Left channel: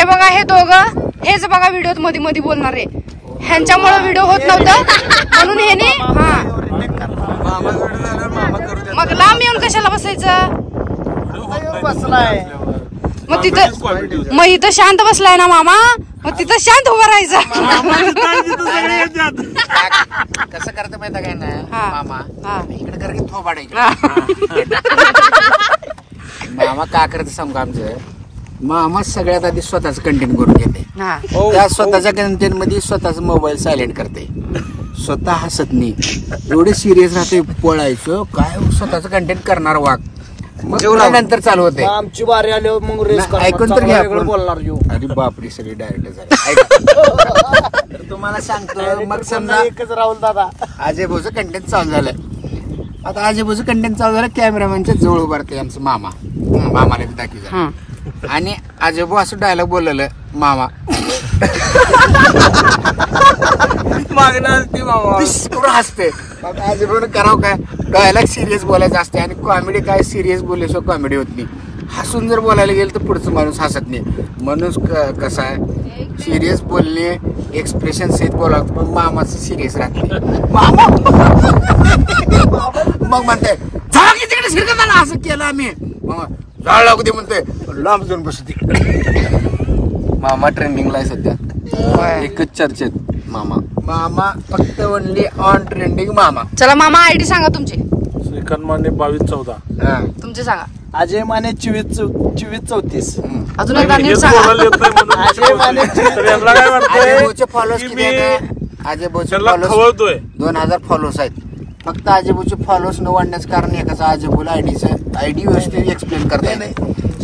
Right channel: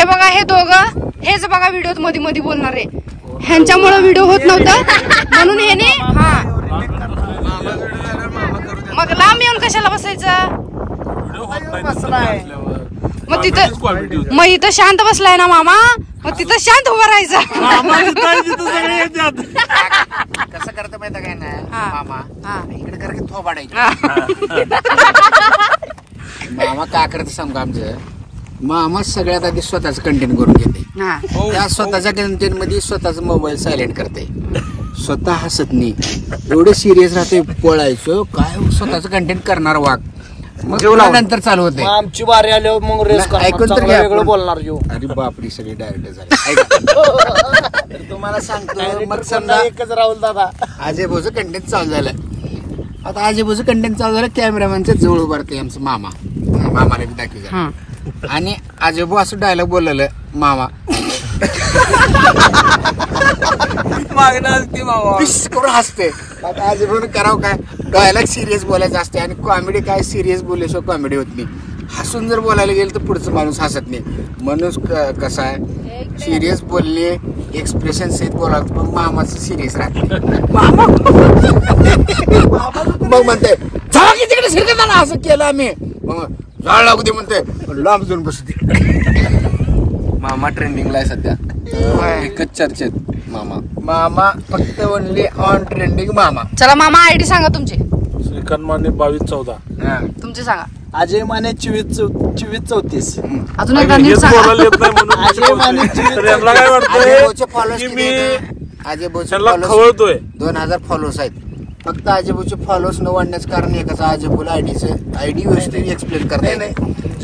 हे बघा हे दोघं हेच बघा व्हिडिओत मध्ये मध्ये बोलणारे, ह्यांच्यामुळे व्हिडिओ होत नव्हतं म्हणून ह्याने हा मग लांब येऊन कशाला बसायचं. मग तिथं मग इथं शांत बसलाय ना मामा, मग तिथं शांत उभं राहायचं. कसं करतं माहिती काय ना मामा, इकडे कर की थोबाडायचं. मामा का करते सांगू आमचं, मामा सगळ्यात आधी स्वतःच कंटेंट करून घेते. त्या स्वतःच्या कंटेंट मध्ये स्वतःच मोबाईल सायलेंट करते, स्वतः हसत नाही, एवढे सिरियस राहते. पळायचं काय स्वतःच कंटेंट करणार वाघ, मग नंतर चालू होते. आमची बारी आल्यावर मग रेस ऐकून तर वेगळं बोलणार. अरे बापरी सगळी डायरेक्ट झाली. तर तुम्हाला सांगतो मग समजा एकच राहुल दादा अजय भाऊचं कंटेंट चालू झालं. आता अजय भाऊचं कंटेंट चालू झालं, कॅमेरामॅनच्या जवळ उभारते आमचं मामा, मामाला दाखवायचं. आणि अजय भाऊ असं डायलॉग बोललेलं मामा करून हसते. अजय भाऊ करावं काय, डायलॉग सिरियस बोलायचं असते आणि कॉमेडी काय सिरियस बोलल्याशिवाय कॉमेडी होत नाही. हसून जर बोलायला गेलं तर पुढचं माणूस हसत नाही. माणूस कसा आहे सिरियस बोलले एक्सप्रेशन सहित बोलावं, पण मामाचं सिरियस राहते. मग म्हणते झाला की तिकडे शिरकत आला, असं केलं आम्ही. मग झाड लागू दे म्हणते, लांब जाऊन बसते. मामा ट्रेंडिंगला आहे सध्या, एकच चर्चेत मामा. मामा फक्त ओनली ऑन ट्रेंडिंग मामा. चला मामा आयडी सांगा तुमची. श्रीकांत माने 2214. तुमचे सांगा. अजय माने 2434. अजून एकदा नीट सांगा. अजय माने 2434. अजय भाऊचे फॉलोअर्स किती आहेत? अजय भाऊचे फॉलोअर्स 2000 फॉलोअर्स आहेत. फक्त अजय भाऊचे फॉलोअर्स न वाढण्याचं कारण एकाच, अजय भाऊला आयडी व्यवस्थित एक्सप्लेन करता येते.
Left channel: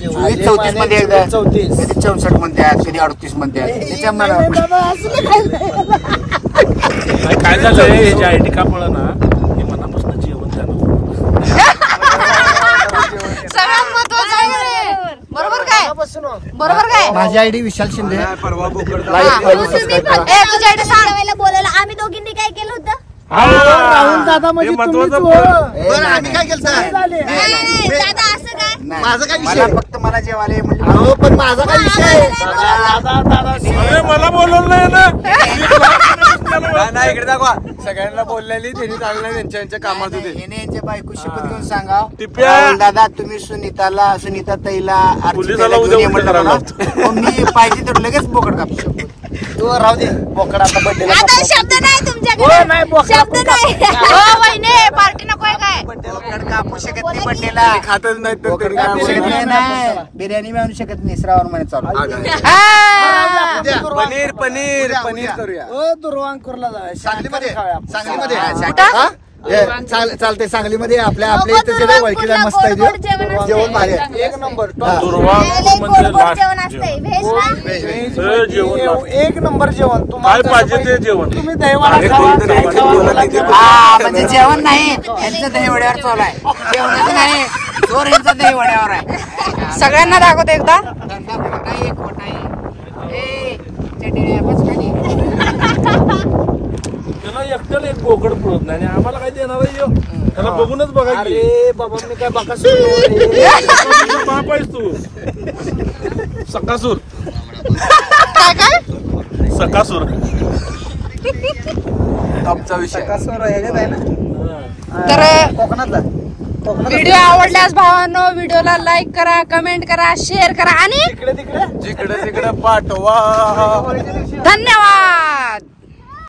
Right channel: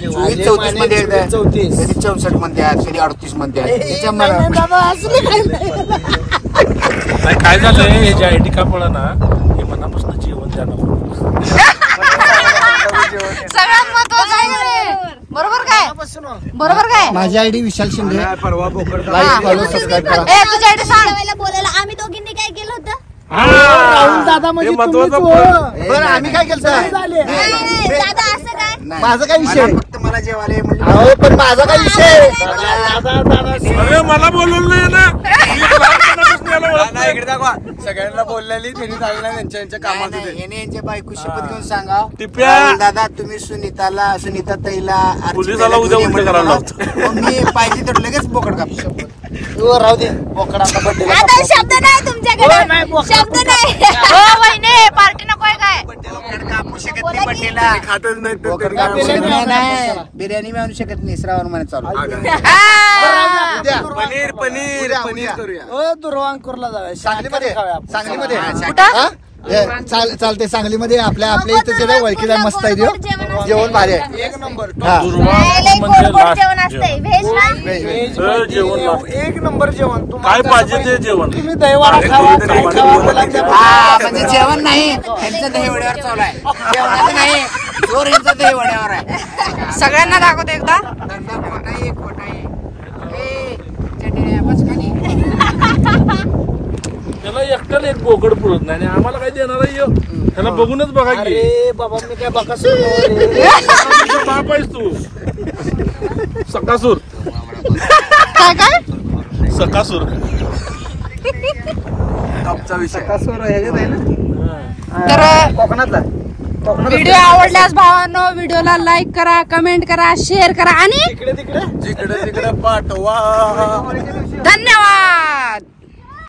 34 मध्ये एकदा, कधी 64 म्हणतात, कधी 38 म्हणतात. त्याच्यामुळे काय झालंय ह्याची आयडी का पळा ना, हे मनापासून जेवण द्यायला सगळ्यात महत्वाचं आहे. बरोबर काय, बरोबर काय. माझी आयडी विशाल शिंदे. परवा बोकड लाईक फॉलो सबस्क्राईब करा. तुझी आयडी सांग. बोलायला आम्ही दोघींनी काय केलं होतं. राहुल दादा म्हणजे बरं आम्ही काय केलं दादा असं काय. माझा काय विषय, फक्त मला जेवाले. पण माझा काय विषय, मला बोलवलं नाही ना. इकडे दाखवा, सगळ्यांना बोललेली त्यांनी चालणार त्यांच्या कामात होते. याने यांच्या बायको शपथ घेऊन सांगा, राहुल दादा तुम्ही सुनीता ताईला मी पाहिजे तर लगेच बोकड कापू शकतो. राहू दे बोकड, आता बर्थडेला शब्द नाही तुमच्याकडे, शब्द नाही. पार्टी नकोय काय. बोकड कापू शकत नाही बर्थडेला, खातच नाही. बोकड कापू शकत नाही, बिर्याणी मी आणू शकत नाही. श्रावण महिन्यात चालू पनीर पनीर पनीर करूया. दुर्वांकूरला जाऊया, सांगलीमध्ये खाऊया. चालते. सांगलीमध्ये आपल्या इथं ओळखी जाय मस्त आहे जेवण भारी आहे. एक नंबर दुर्वांकूर म्हणजे लास्ट एक नंबर जेवण. काय पाहिजे ते जेवण. तुम्ही दहीवडा खावा, काय खावा. म्हणजे जेवण नाही, यांचं दहीवड्यावर चालू आहे. जेवणाचं नाही, जोर यांचा दहीवड्यावर आहे. सगळ्यांना दाखवतो एकदा. त्याला एकट्याला एक बोकड पळत नाही आणि आम्हाला काय देणार आहे, त्याला बघूनच बघा. अरे बाबा मी काय बघा बाप आहेस तू. सकासूर काय काय सकासूर आमचा विषय तर कोकणातला. व्हिडिओ आवडल्यास भावांनो व्हिडिओला लाईक करा, कमेंट करा, शेअर करा आणि तिकडे जिकडे तिकडे पाठवा. धन्यवाद.